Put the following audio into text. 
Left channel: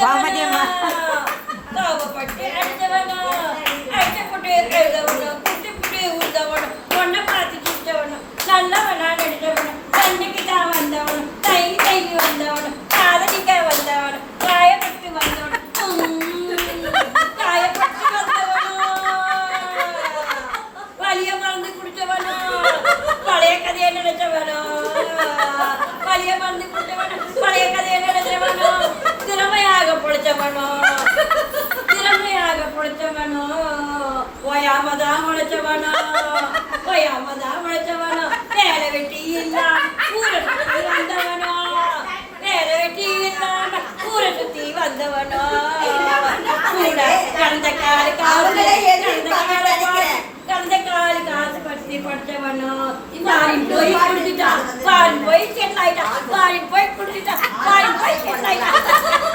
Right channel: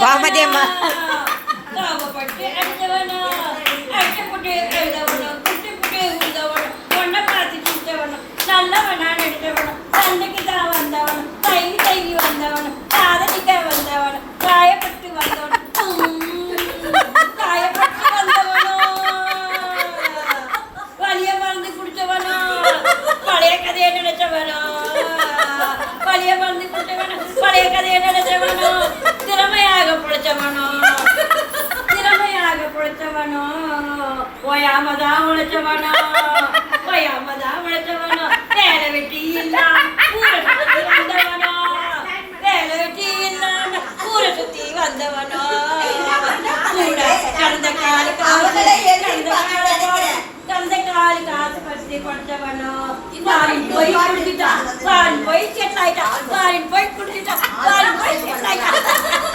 வாமதியம்மா தாவப்பட்டு அடித்தவனோ அடிச்சப்பட்டு எழுதவனோ குட்டி புட்டி ஊத்தவனோ ஒன்றை பார்த்து சுட்டவனோ நல்லவனா நடித்தவனோ சண்டைக்கு தான் வந்தவனோ தைங்கி வந்தவனோ காதலிக்க வந்தவனோ காயப்பட்டு வந்தவனோ காயப்பட்டு வந்தவனோ வலிய மறந்து குடிச்சவனோ பழைய கதையை நினைச்சவனோ பழைய மறந்து குடிச்சவனோ பழைய கதையை நினைச்சவனோ திறமையாக பிழைச்சவனோ ஓயாமதான் உழைச்சவனோ ஓயாமதான் உழைச்சவனோ வேலை வெட்டி இல்லாம ஊரை சுத்தி வந்தவனோ வேலை வெட்டி இல்லாம ஊரை சுத்தி வந்தவனோ கடந்த காலு காசு பற்றி படுத்தவனோ போய் குடிச்சிட்டான் போய் செட்டாயிட்டான் போய் குடிச்சிட்டான் போய் செட்டாயிட்டான்